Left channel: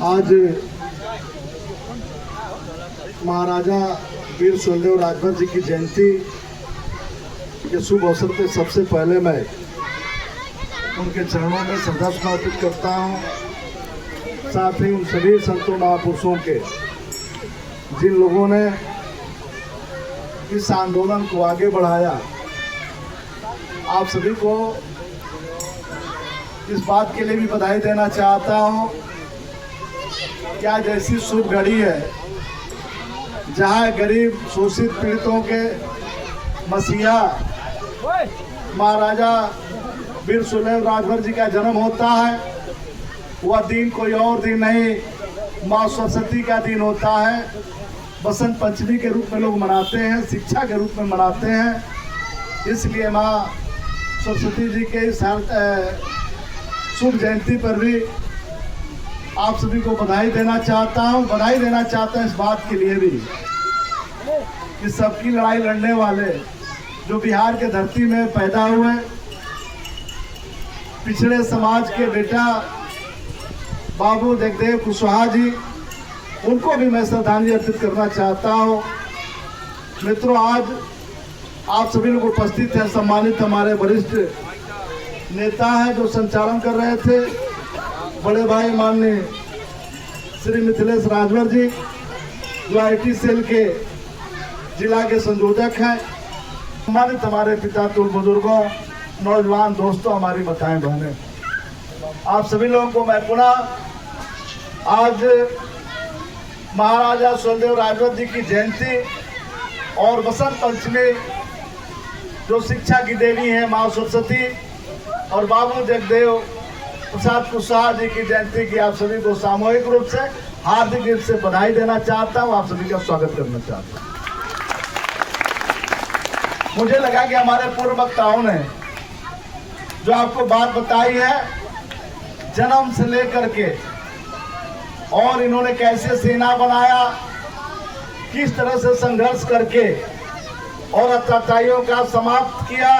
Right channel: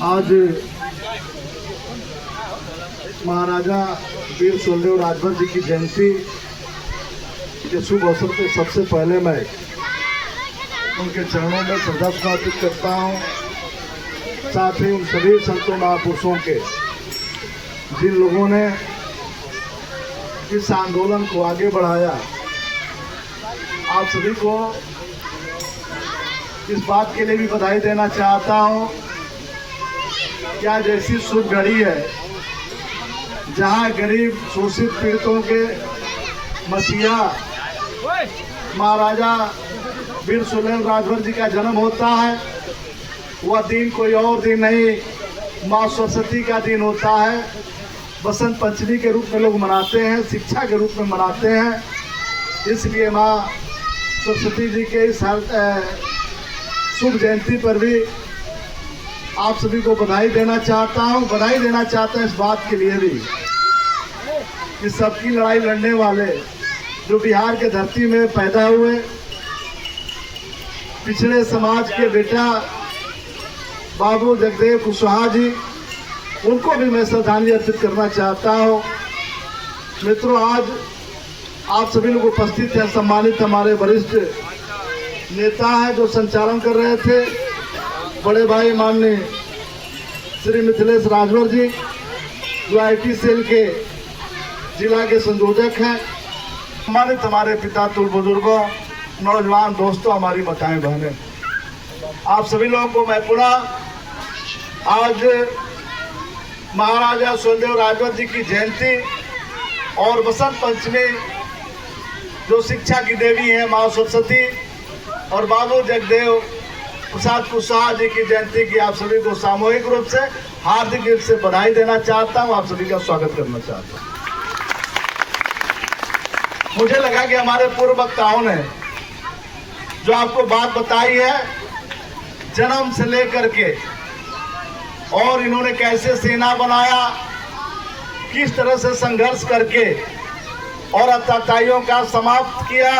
आज महाराजा वीर सुहेलदेव राजभर जी की जयंती के शुभ अवसर पर सबसे पहले मैं उनके चरणों में श्रद्धा समर्पित करता हूँ। साथ ही उन सभी संतों महापुरुषों के जिन लोगों ने इस आंदोलन को आगे बढ़ाया, आप सभी को इस बात के लिए भी बधाई देना चाहता हूँ कि आज ऐसी शुभ घड़ी है जहाँ गरीब शोषित पीड़ितों के मसीहा महाराजा वीर सुहेलदेव राजभर जी का जन्म होता है। वह दिन कोई और दिन नहीं, माँ सरस्वती का दिन होता है। बसंत पंचमी के रूप में लोग मनाते हैं, शिक्षा के रूप में मनाते हैं। इसलिए माँ सरस्वती जी के इस शुभ जयंती पर भी आप सभी को बधाई देना चाहता हूँ। बधाई देना चाहता हूँ इस बात के लिए भी कि सबकी लड़ाई लड़ने वाले जो बिहार के धरती में पैदा हुए, पिछड़े समाज के बेटा बाबू जगदेव कुशवाहा जी, उनको भी मैं श्रद्धांजलि अर्पित करना चाहता हूँ। मित्रों, आज आप सभी लोग उपस्थित हैं। सम्मानित हमारे वरिष्ठ नेता हैं जो संचालन कर रहे थे, बड़े भाई माननीय श्री मिथिलेश राजभर जी, जो आईटी सेल के जिला के संयोजक हैं। सम्मानित हमारे पिता तुल बुजुर्गों, नौजवान दोस्तों, हमारी माताएं बहनें, आप सभी लोगों को मैं पुनः आज महाराजा सुहेलदेव राजभर जी की जयंती और बसंत पंचमी, जो शिक्षा की देवी है माँ सरस्वती, और बाबू जगदेव प्रसाद कुशवाहा जी की जयंती की आप सभी को सामूहिक रूप से हार्दिक रूप से बधाई देना चाहता हूँ। आप सभी का स्वागत करना चाहता हूँ। मुझे लगा कि हमारे पूर्व वक्ताओं ने जो आपको बात बताई है जन्म से लेकर के, और इन्होंने कैसे सेना बनाया, किस तरह से संघर्ष करके और अत्याचारियों का समाप्त किया,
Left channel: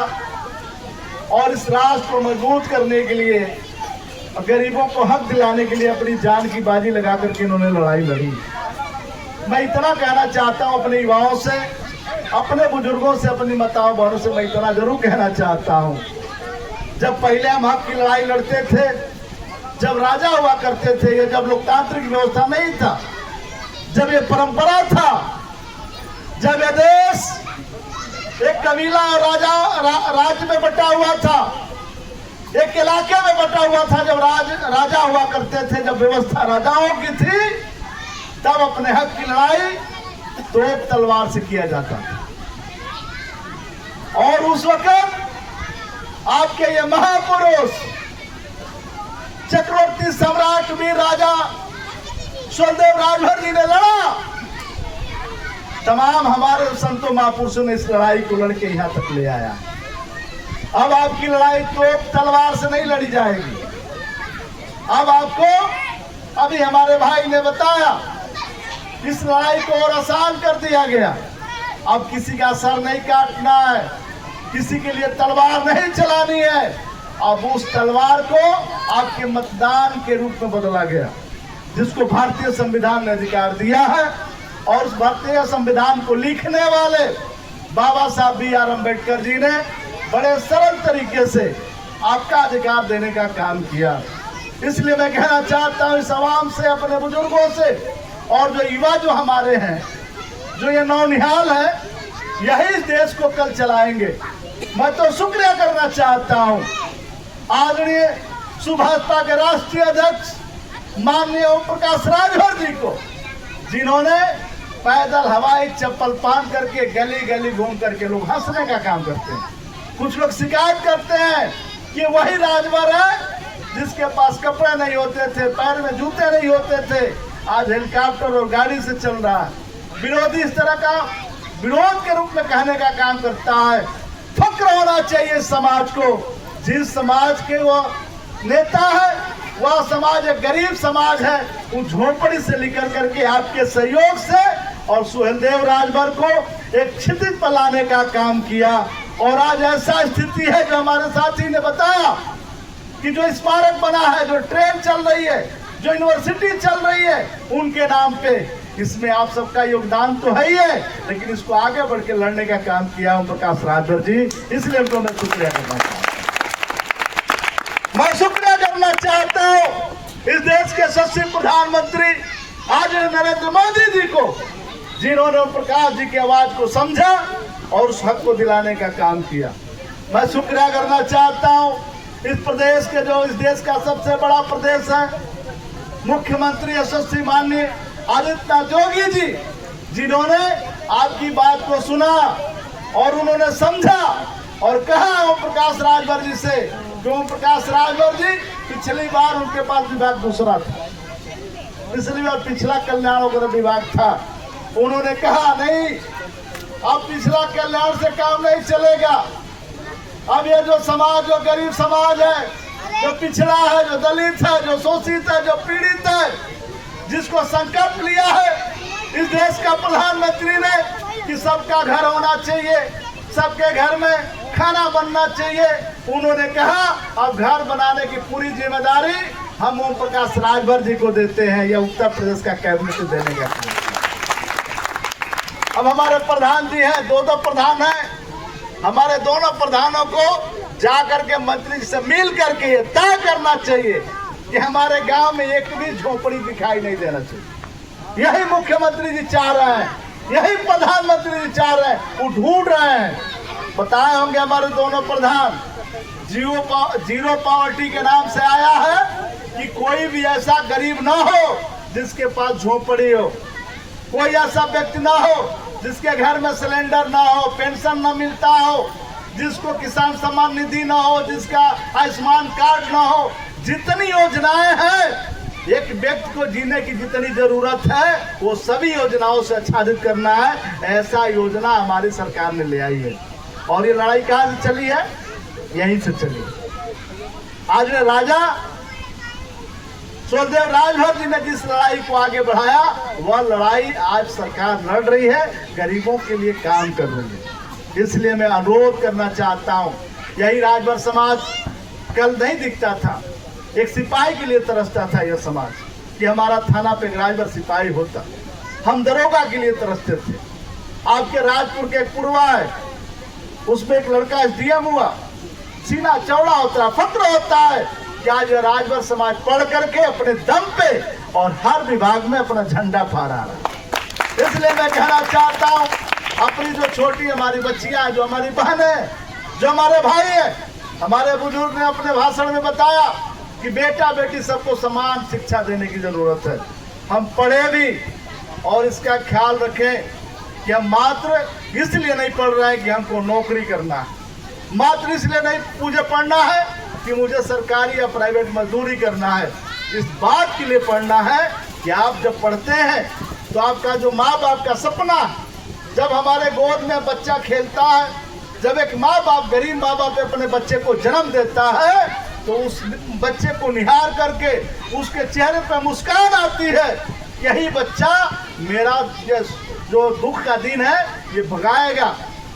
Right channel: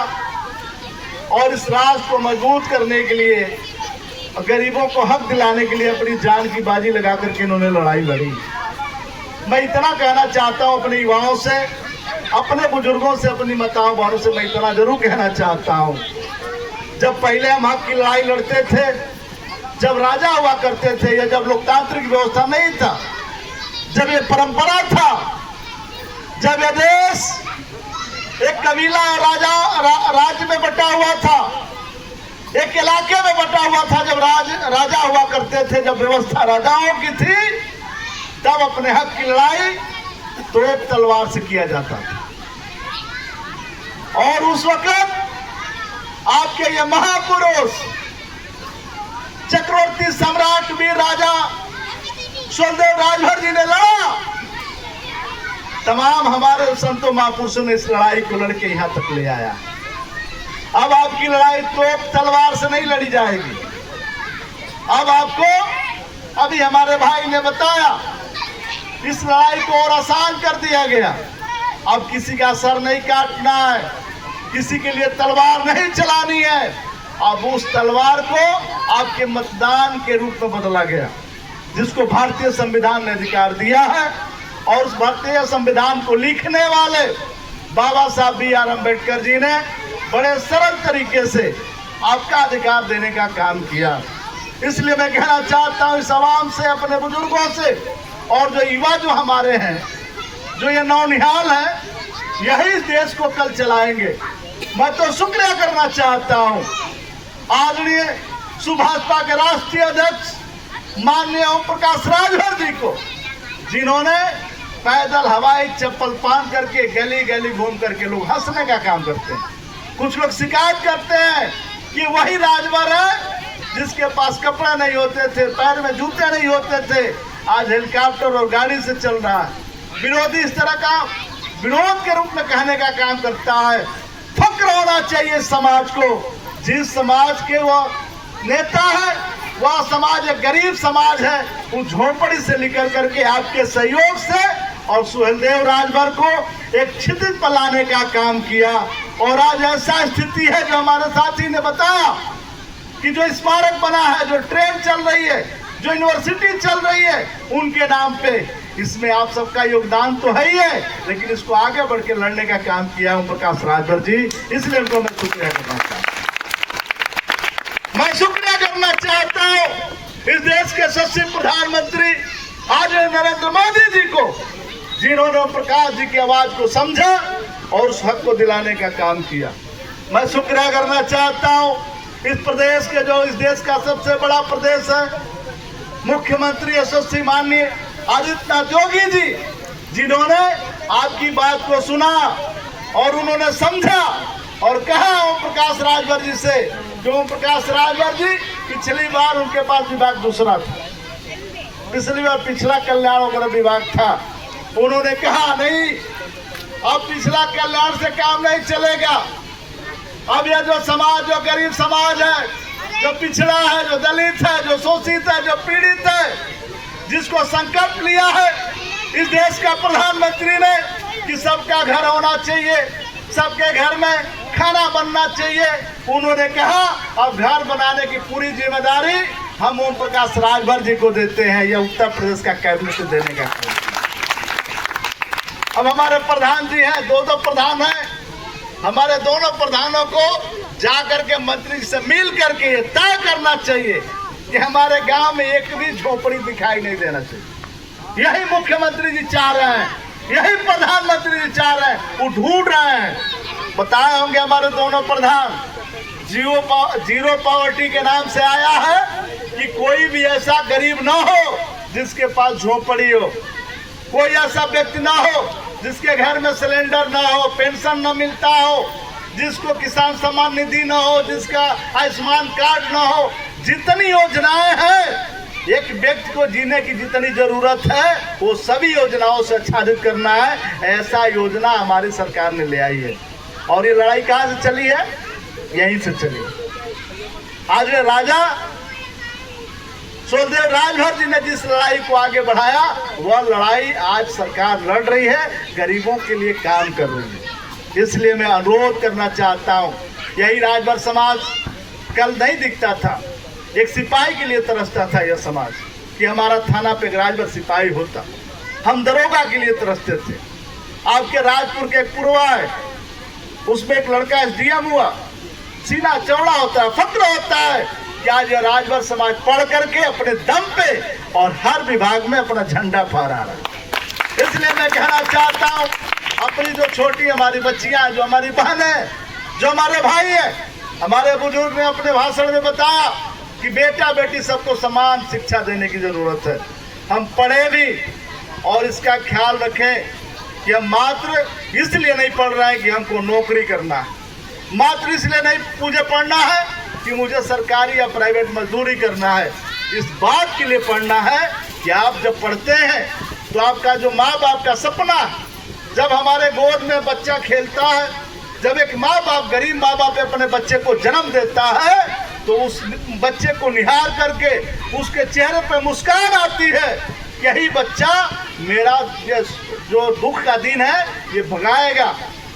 और इस राष्ट्र को मजबूत करने के लिए, गरीबों को हक दिलाने के लिए अपनी जान की बाजी लगा करके इन्होंने लड़ाई लड़ी। मैं इतना कहना चाहता हूँ अपने युवाओं से, अपने बुजुर्गों से, अपनी माताओं बहनों से मैं इतना जरूर कहना चाहता हूँ, जब पहले हम हक की लड़ाई लड़ते थे, जब राजा हुआ करते थे, या जब लोकतांत्रिक व्यवस्था नहीं था, जब ये परंपरा था, जब ये देश एक कबीला और राज्य में बटा हुआ था, एक इलाके में बटा हुआ था, जब राजा हुआ करते थे, जब व्यवस्था राजाओं की थी, तब अपने हक की लड़ाई तो तलवार से किया जाता था। और उस वक्त आपके ये महापुरुष चक्रवर्ती सम्राट वीर राजा सुहेलदेव राजभर जी ने लड़ा। तमाम हमारे संतों महापुरुषों ने इस लड़ाई को लड़के यहाँ तक ले आया। अब आपकी लड़ाई तो तलवार से नहीं लड़ी जाएगी। अब आपको, अभी हमारे भाई ने बताया, इस लड़ाई को और आसान कर दिया गया। अब किसी का सर नहीं काटना है, किसी के लिए तलवार नहीं चलानी है। अब उस तलवार को आपके मतदान के रूप में बदला गया, जिसको भारतीय संविधान ने अधिकार दिया है। और उस भारतीय संविधान को लिखने वाले बाबा साहब बी.आर. अम्बेडकर जी ने बड़े सरल तरीके से आपका अधिकार देने का काम किया। इसलिए मैं कहना चाहता हूँ इस आवाम से, अपने बुजुर्गों से, और जो युवा जो हमारे हैं, जो ये नौनिहाल है, यही इस देश को कल चलाएंगे। मैं तो शुक्रिया करना चाहता हूँ आदरणीय सुभाषपा के राष्ट्रीय अध्यक्ष माननीय ओम प्रकाश राजभर जी को, जिन्होंने पैदल हवाई चप्पल पहन करके गली गली घूम करके, लोग हंसने का काम करते हैं, कुछ लोग शिकायत करते हैं कि वही राजभर है जिसके पास कपड़े नहीं होते थे, पैर में जूते नहीं होते थे, आज हेलीकॉप्टर और गाड़ी से चल रहा है। विरोधी इस तरह का विरोध के रूप में कहने का काम करता है। फक्र होना चाहिए समाज को, जिस समाज के वो नेता है, वह समाज एक गरीब समाज है। उन झोपड़ी से निकल करके आपके सहयोग से और सुहेलदेव राजभर को एक क्षितिज पर लाने का काम किया। और आज ऐसा स्थिति है जो हमारे साथी ने बताया कि जो स्मारक बना है, जो ट्रेन चल रही है, जो यूनिवर्सिटी चल रही है उनके नाम पे। इसमें आप सबका योगदान तो है ही है, लेकिन इसको आगे बढ़ के लड़ने का काम किया ओम प्रकाश राजभर जी, इसलिए उनको मैं शुक्रिया करना चाहता हूं। मैं शुक्रिया करना चाहता हूं इस देश के यशस्वी प्रधानमंत्री आज नरेंद्र मोदी जी को, जिन्होंने ओम प्रकाश जी की आवाज को समझा और उस हक को दिलाने का काम किया। मैं शुक्रिया करना चाहता हूं इस प्रदेश के, जो इस देश का सबसे बड़ा प्रदेश है, मुख्यमंत्री यशस्वी माननीय आदित्यनाथ योगी जी, जिन्होंने आपकी बात को सुना और उन्होंने समझा और कहा ओम प्रकाश राजभर जी से। जो ओम प्रकाश राजभर जी पिछली बार उनके पास विभाग दूसरा था, पिछली बार पिछला कल्याण वगैरह विभाग था। उन्होंने कहा नहीं, अब पिछला कल्याण से काम नहीं चलेगा। अब ये जो समाज, जो गरीब समाज है, जो पिछड़ा है, जो दलित है, जो शोषित है, जो पीड़ित है, जिसको संकल्प लिया है इस देश का प्रधानमंत्री ने कि सबका घर होना चाहिए, सबके घर में खाना बनना चाहिए, उन्होंने कहा अब घर बनाने की पूरी जिम्मेदारी हम ओम प्रकाश राजभर जी को देते हैं। यह उत्तर प्रदेश का कैबिनेट देने का काम। अब हमारे प्रधान जी हैं, दो प्रधान हैं, हमारे दोनों प्रधानों को जाकर के मंत्री से मिल करके तय करना चाहिए कि हमारे गांव में एक भी झोपड़ी दिखाई नहीं देना चाहिए। यही मुख्यमंत्री जी चाह रहे हैं, यही प्रधानमंत्री जी चाह रहे हैं, वो ढूंढ रहे हैं। बताए होंगे हमारे दोनों प्रधान, जीरो पॉवर्टी के नाम से आया है कि कोई भी ऐसा गरीब ना हो जिसके पास झोपड़ी हो, कोई ऐसा व्यक्ति ना हो जिसके घर में सिलेंडर ना हो, पेंशन ना मिलता हो, जिसको किसान सम्मान निधि ना हो, जिसका आयुष्मान कार्ड ना हो। जितनी योजनाएं हैं, एक व्यक्ति को जीने की जितनी जरूरत है वो सभी योजनाओं से आच्छादित करना है, ऐसा योजना हमारी सरकार ने ले आई है। और ये लड़ाई कहाँ से चली है? यहीं से चली। आज राजा सुखदेव राजभर जी ने जिस लड़ाई को आगे बढ़ाया, वह लड़ाई आज सरकार लड़ रही है, गरीबों के लिए काम कर रही है। इसलिए मैं अनुरोध करना चाहता हूं, यही राजभर समाज कल नहीं दिखता था, एक सिपाही के लिए तरसता था यह समाज कि हमारा थाना पे राजभर सिपाही होता। हम दरोगा के लिए तरसते थे। आपके राजपुर के एक पुरवा है, उसमें एक लड़का एसडीएम हुआ, सीना चौड़ा होता है, फक्र होता है कि आज यह राजभर समाज पढ़ करके अपने दम पे और हर विभाग में अपना झंडा फहरा रहा है। इसलिए मैं कहना चाहता हूं, अपनी जो छोटी हमारी बच्चियां, जो हमारी बहनें, जो हमारे भाई है, हमारे बुजुर्ग ने अपने भाषण में बताया कि बेटा बेटी सबको समान शिक्षा देने की जरूरत है। हम पढ़े भी और इसका ख्याल रखें कि हम मात्र इसलिए नहीं पढ़ रहे हैं कि हमको नौकरी करना है, मात्र इसलिए नहीं मुझे पढ़ना है कि मुझे सरकारी या प्राइवेट मजदूरी करना है। इस बात के लिए पढ़ना है कि आप जब पढ़ते हैं तो आपका जो माँ बाप का सपना, जब हमारे गोद में बच्चा खेलता है, जब एक माँ बाप, गरीब माँ बाप अपने बच्चे को जन्म देता है, तो उस बच्चे को निहार करके उसके चेहरे पर मुस्कान आती है, यही बच्चा मेरा जो दुख का दिन है ये भगाएगा।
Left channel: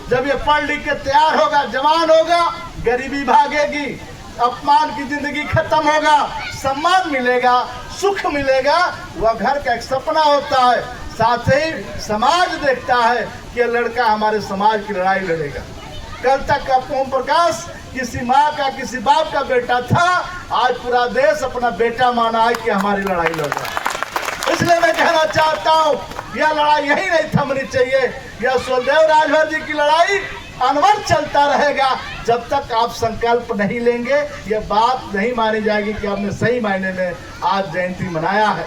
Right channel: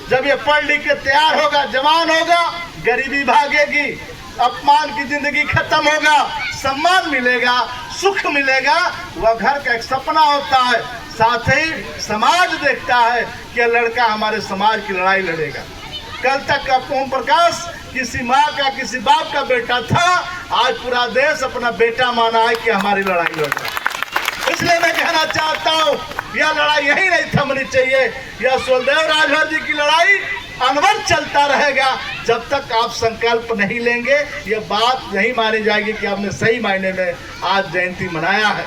जब ये पढ़ लिख के तैयार होगा, जवान होगा, गरीबी भागेगी, अपमान की जिंदगी खत्म होगा, सम्मान मिलेगा, सुख मिलेगा, वह घर का एक सपना होता है। साथ ही समाज देखता है कि लड़का हमारे समाज की लड़ाई लड़ेगा। कल तक ओम प्रकाश किसी माँ का, किसी बाप का बेटा था, आज पूरा देश अपना बेटा माना है कि हमारी लड़ाई लड़ रहा है। इसलिए मैं कहना चाहता हूँ, यह लड़ाई यही नहीं थमनी चाहिए। यह सुखदेव राजभर जी की लड़ाई अनवरत चलता रहेगा जब तक आप संकल्प नहीं लेंगे। यह बात नहीं मानी जाएगी कि आपने सही मायने में आज जयंती मनाया है।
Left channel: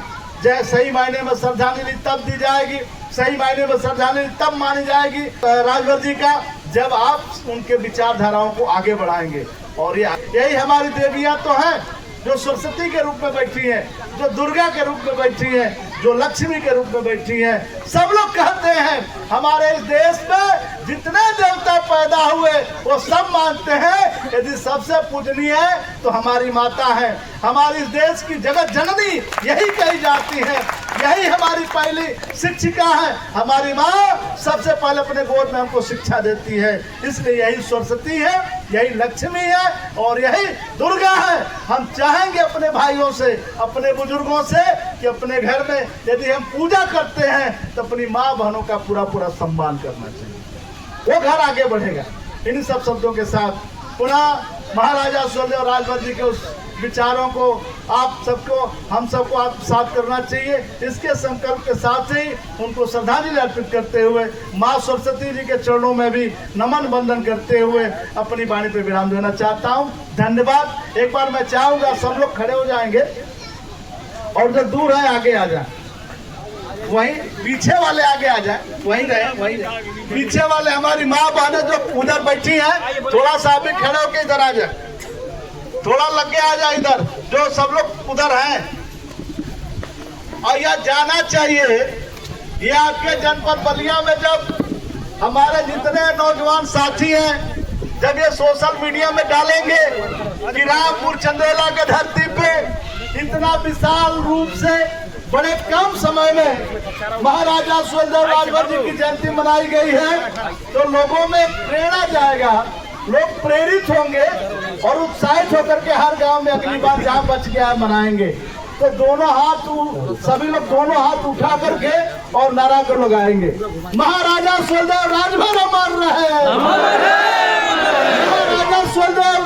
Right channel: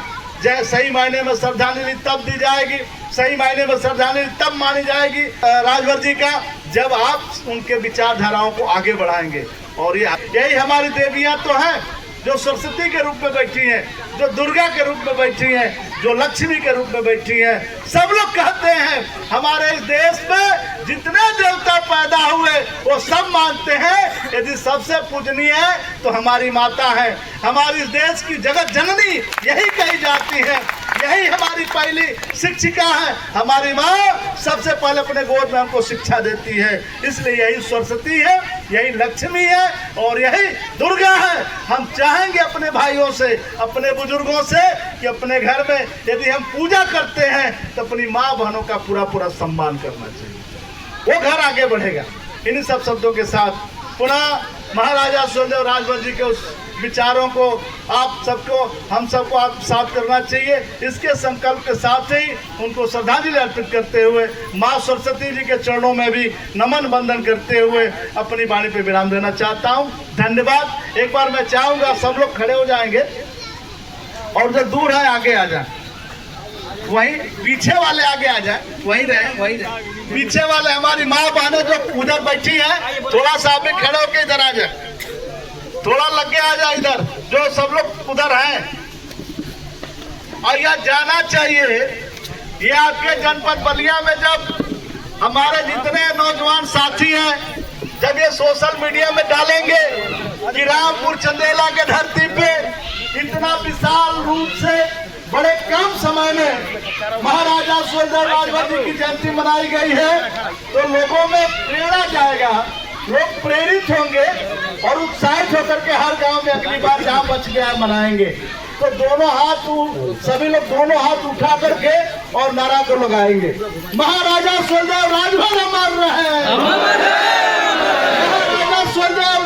सही मायने में श्रद्धांजलि तब दी जाएगी, सही मायने में श्रद्धांजलि तब मानी जाएगी राजभर जी का, जब आप उनके विचारधाराओं को आगे बढ़ाएंगे। और यही हमारी देवियां तो हैं जो सरस्वती के रूप में बैठी हैं, जो दुर्गा के रूप में बैठी हैं, जो लक्ष्मी के रूप में बैठी हैं। सब लोग कहते हैं हमारे इस देश में जितने देवता पैदा हुए वो सब मानते हैं यदि सबसे पूजनीय है तो हमारी माता है। हमारी इस देश की जगत जननी यही कही जाती है, यही हमारी पहली शिक्षिका है। हमारी माँ सबसे पहले अपने गोद में हमको शिक्षा देती है। इसलिए यही सरस्वती है, यही लक्ष्मी है और यही दुर्गा है। हम चाहेंगे अपने भाइयों से, अपने बुजुर्गों से कि अपने घर में यदि हम पूजा करते हैं तो अपनी माँ बहनों का पूरा पूरा सम्मान करना चाहिए, वो घर आगे बढ़ेगा। इन्हीं सब शब्दों के साथ पुनः महाराजा सुहेलदेव राजभर जी के उस विचारों को आप सबको, हम सबको आत्मसात करना चाहिए। इसके संकल्प के साथ ही उनको श्रद्धांजलि अर्पित करते हुए माँ सरस्वती जी के चरणों में भी नमन बंदन करते हुए अपनी वाणी पे विराम देना चाहता हूँ। धन्यवाद। एक बार मैं चाहूंगा सब लोग खड़े हो जाएंगे और जो दूर है आगे आ जाए, वहीं पीछे वाले आगे आ जाए, वहीं रहे। पीछे वाले हमारी माँ बहनें जो उधर बैठी हैं, थोड़ा सा भी खड़े होकर इधर आ जाए, थोड़ा लग के आ जाए इधर, जो सब लोग उधर हैं। और यह जाना चाहिए, ये आपके जनपद बलिया में जब हमारे जितने नौजवान साथी हैं, जब ये सोशल मीडिया में डालेंगे कि रामपुर चंदेला के धरती पे इतना विशाल रूप से बड़े कम समय में महाराजा सुहेलदेव राजभर जी की जयंती मनाई गई है, तो लोगों में प्रेरणा जाएगा, लोग प्रेरित होंगे और उत्साहित होकर के हर गांव में अगली बार जहाँ बच गया मनाएंगे। तो दोनों हाथ, सभी लोग दोनों हाथ उठा करके और नारा को लगाएंगे, महाराजा सुहेलदेव राजभर अमर रहे, महाराजा सुहेलदेव